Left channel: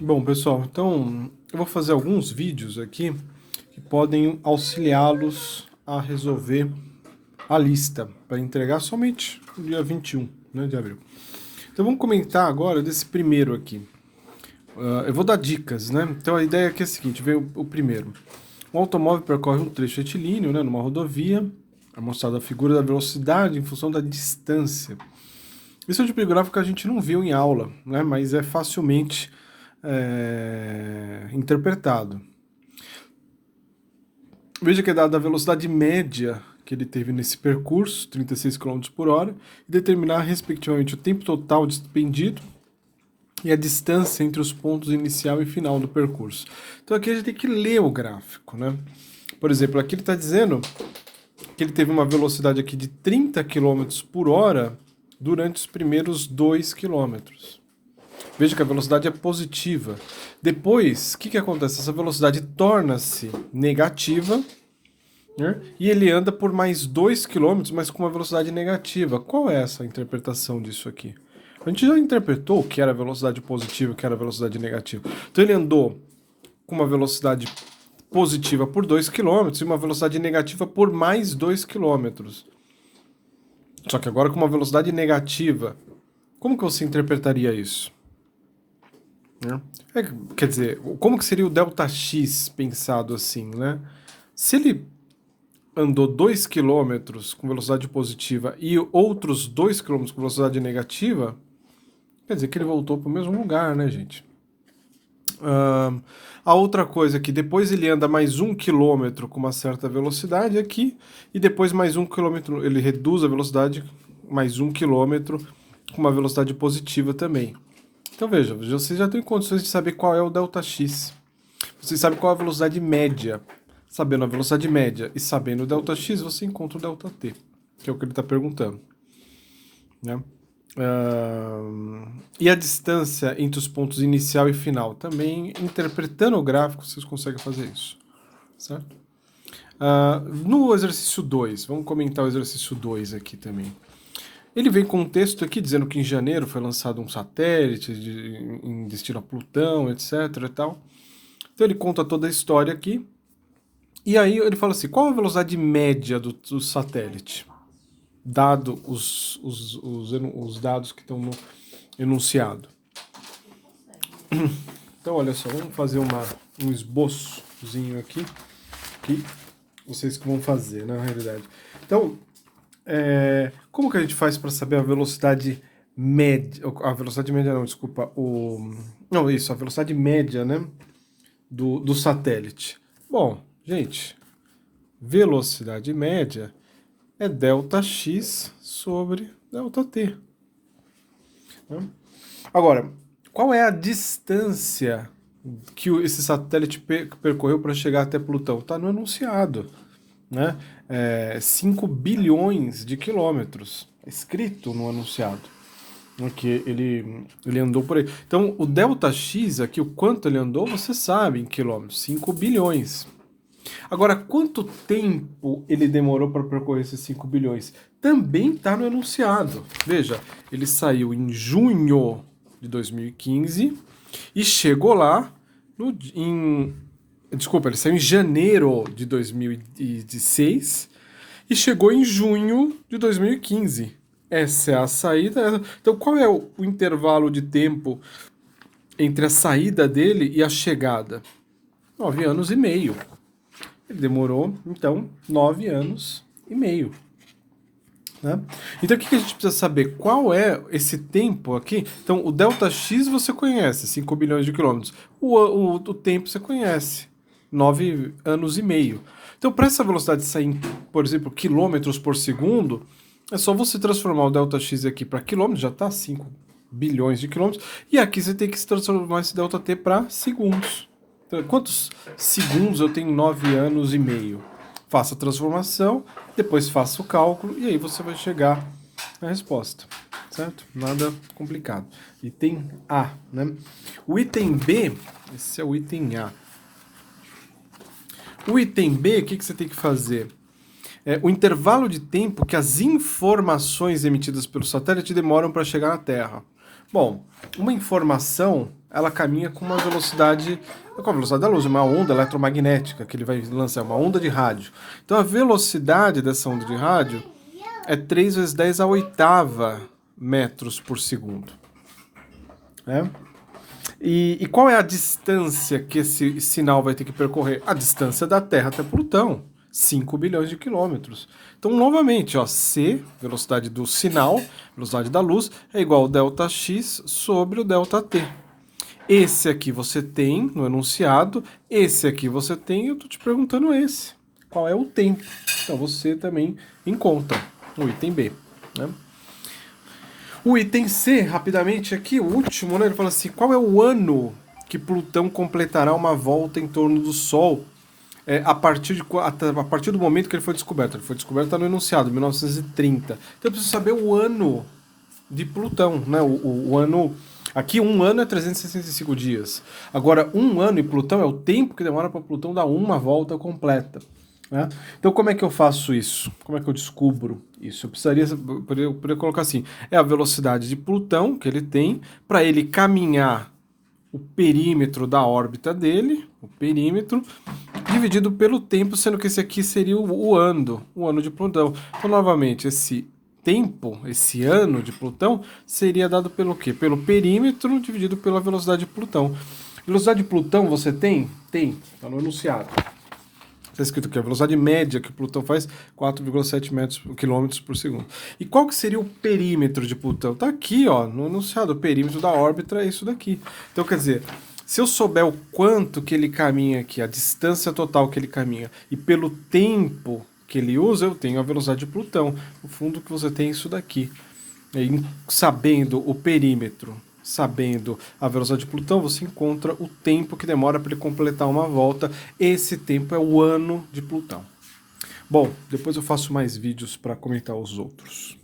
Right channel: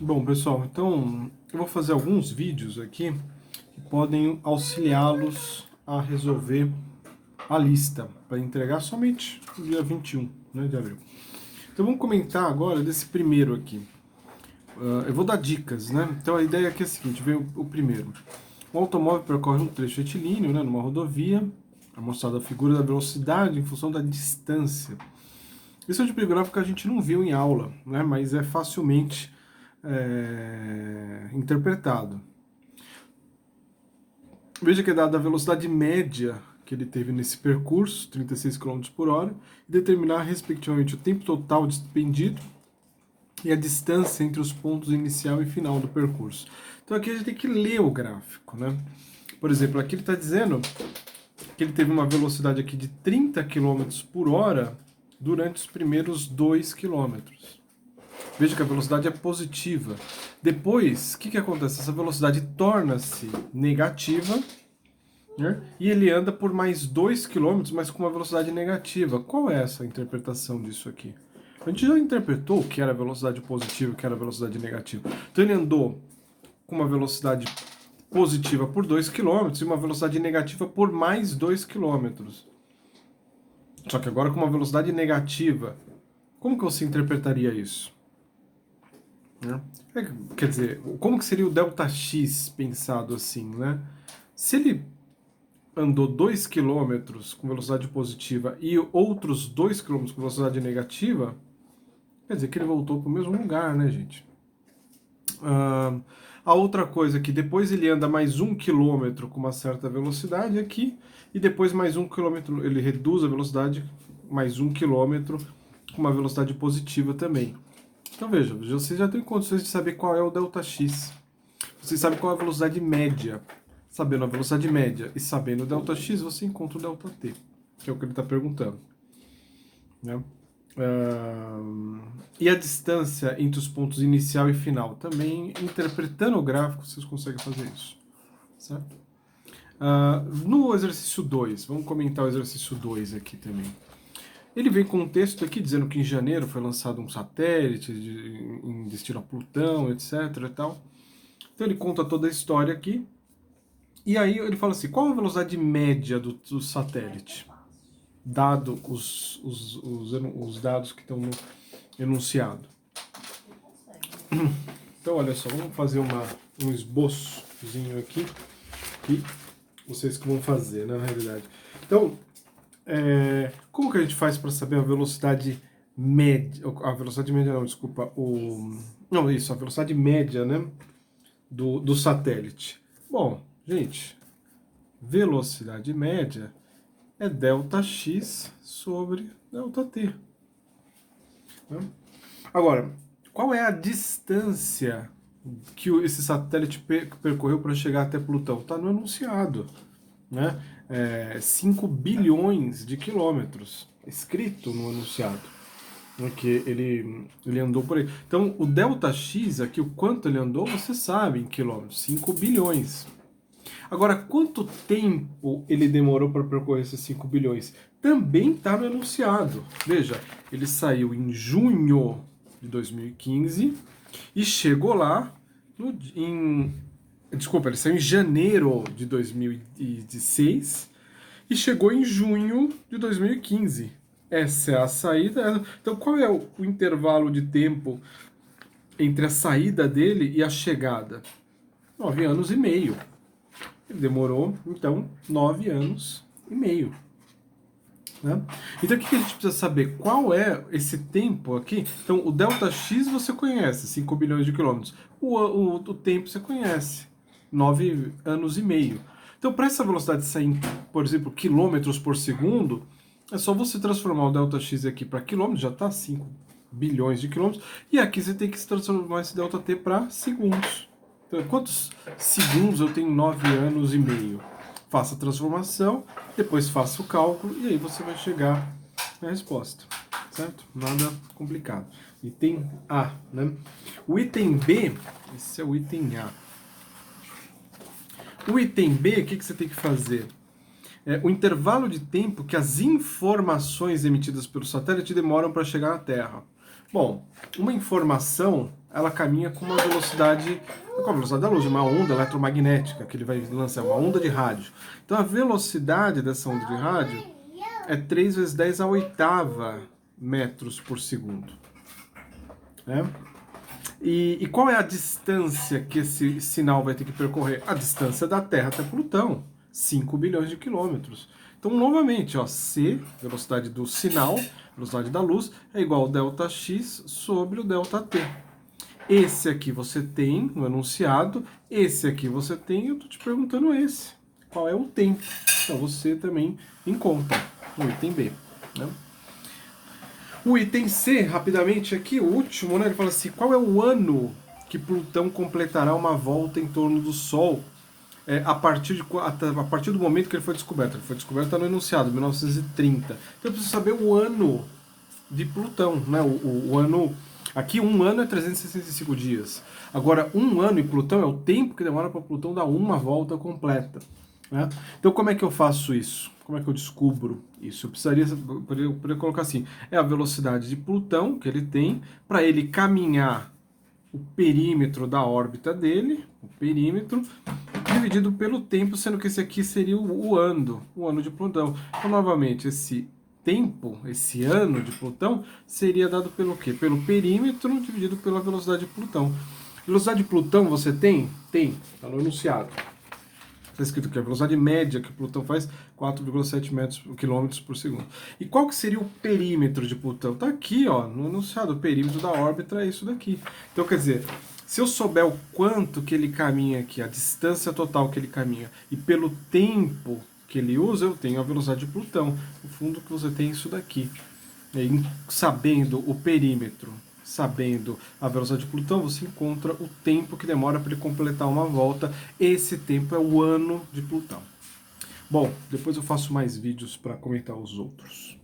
Bom, pessoal, então eu vou fazer alguns vídeos aqui que podem auxiliá-los a resolver a lista para entregar somente no dia 21, né, de abril. Então vamos comentar agora desse primeiro aqui. Eu vou dar dicas, né? Então a ideia aqui é a seguinte, vem o primeiro. Um automóvel percorre um trecho retilíneo, né, numa rodovia, é mostrada a figura da velocidade em função da distância. Isso é um tipo de gráfico que a gente não viu em aula, né, mas é facilmente interpretado. Veja que é dada a velocidade média que ele teve nesse percurso, 36 km por hora, e determinar respectivamente o tempo total despendido e a distância entre os pontos inicial e final do percurso. Então aqui a gente tem que ler o gráfico, né? Por exemplo, aqui ele está dizendo que ele teve uma velocidade aqui de 30 km por hora durante os primeiros 2 km. Veja que a velocidade é positiva. Depois, o que acontece? Essa velocidade torna-se negativa, né? E ele anda por mais 2 km, mas com uma velocidade negativa. Qual é essa interpretação disso aqui? A gente já interpretou o que era velocidade positiva e o que era velocidade negativa. Então ele andou com uma velocidade positiva por 2 km e uma velocidade negativa por mais 2 km. Só que agora com uma velocidade negativa. Como que você interpretaria isso? Né? Quer dizer, como que seria o ΔX pensado assim, né? Se ele andou 2 km com velocidade positiva e outros 2 km com velocidade negativa, quer dizer que ele voltou para o mesmo lugar, né, gente? A outra coisa é que depois ele anda mais 1 km com uma certa velocidade aqui, e depois mais 1 km, ele reduz a velocidade mais 1 km com uma velocidade positiva também. Então veja, você já tem condições de saber qual é o ΔX. Você sabe qual é a velocidade média. Sabendo a velocidade média e sabendo o ΔX, você encontra o ΔT, que é o que ele está perguntando. Né? E a distância entre os pontos inicial e final. Também, interpretando o gráfico, vocês conseguem fazer isso. Certo? No exercício 2, vamos comentar o exercício 2 aqui também. Ele vem com um texto aqui dizendo que em janeiro foi lançado um satélite em destino a Plutão, etc. E tal. Então ele conta toda a história aqui. E aí ele fala assim, qual a velocidade média do satélite? Dado os dados que estão no enunciado. Então olha só, vamos fazer um esboçozinho aqui, que vocês que vão fazer, na realidade. Então, como que a gente faz para saber a velocidade média? A velocidade média não, desculpa. Não, isso, a velocidade média, né? Do satélite. Bom, gente, velocidade média é ΔX sobre ΔT. Né? Agora, qual é a distância que esse satélite percorreu para chegar até Plutão? Está no enunciado. Né? 5 bilhões de quilômetros, escrito no anunciado, que ele andou por aí. Então, o ΔX aqui, o quanto ele andou, você sabe em quilômetros, 5 bilhões. Agora, quanto tempo ele demorou para percorrer esses 5 bilhões? Também está no enunciado. Veja, ele saiu em junho de 2015 e chegou lá Desculpa, ele saiu em janeiro de 2016 e chegou em junho de 2015. Essa é a saída. Então, qual é o intervalo de tempo entre a saída dele e a chegada? 9 anos e meio. Ele demorou, então, 9 anos e meio. Né? Então, o que a gente precisa saber? Qual é esse tempo aqui? Então, o ΔX você conhece, 5 bilhões de quilômetros. O tempo você conhece, 9 anos e meio. Então, para essa velocidade sair, por exemplo, quilômetros por segundo, é só você transformar o ΔX aqui para quilômetros, já está 5 bilhões de quilômetros, e aqui você tem que se transformar esse ΔT para segundos. Então, quantos segundos eu tenho 9 anos e meio? Faça a transformação, depois faça o cálculo e aí você vai chegar na resposta, certo? Nada complicado. Item A, né? O item B, esse é o item A. O item B, o que você tem que fazer? O intervalo de tempo que as informações emitidas pelo satélite demoram para chegar na Terra. Bom, uma informação ela caminha com uma velocidade, com a velocidade da luz, uma onda eletromagnética que ele vai lançar, uma onda de rádio. Então a velocidade dessa onda de rádio é 3 vezes 10 a oitava metros por segundo. Né? E qual é a distância que esse sinal vai ter que percorrer? A distância da Terra até Plutão, 5 bilhões de quilômetros. Então, novamente, ó, C, velocidade do sinal, velocidade da luz, é igual ao ΔX sobre o ΔT. Esse aqui você tem no enunciado, esse aqui você tem, eu estou te perguntando esse. Qual é o tempo? Então, você também encontra no item B. Né? O item C, rapidamente aqui, o último, né? Ele fala assim, qual é o ano que Plutão completará uma volta em torno do Sol a partir do momento que ele foi descoberto? Ele foi descoberto no enunciado, 1930. Então eu preciso saber o ano de Plutão, né? O ano... Aqui, um ano é 365 dias. Agora, um ano em Plutão é o tempo que demora para Plutão dar uma volta completa. Né? Então, como é que eu faço isso? Como é que eu descubro isso? Eu poderia colocar assim: é a velocidade de Plutão que ele tem para ele caminhar o perímetro da órbita dele, o perímetro, dividido pelo tempo, sendo que esse aqui seria o ano de Plutão. Então, novamente, esse tempo, esse ano de Plutão, seria dado pelo quê? Pelo perímetro dividido pela velocidade de Plutão. Velocidade de Plutão você tem? Tem, está no enunciado. Está escrito aqui, a velocidade média que Plutão faz, 4,7 quilômetros por segundo. E qual que seria o perímetro de Plutão? Está aqui, ó, no enunciado, o perímetro da órbita é isso daqui. Então, quer dizer, se eu souber o quanto que ele caminha aqui, a distância total que ele caminha, e pelo tempo que ele usa, eu tenho a velocidade de Plutão. No fundo que você tem isso daqui. E sabendo o perímetro, sabendo a velocidade de Plutão, você encontra o tempo que demora para ele completar uma volta. Esse tempo é o ano de Plutão. Bom, depois eu faço mais vídeos para comentar os outros.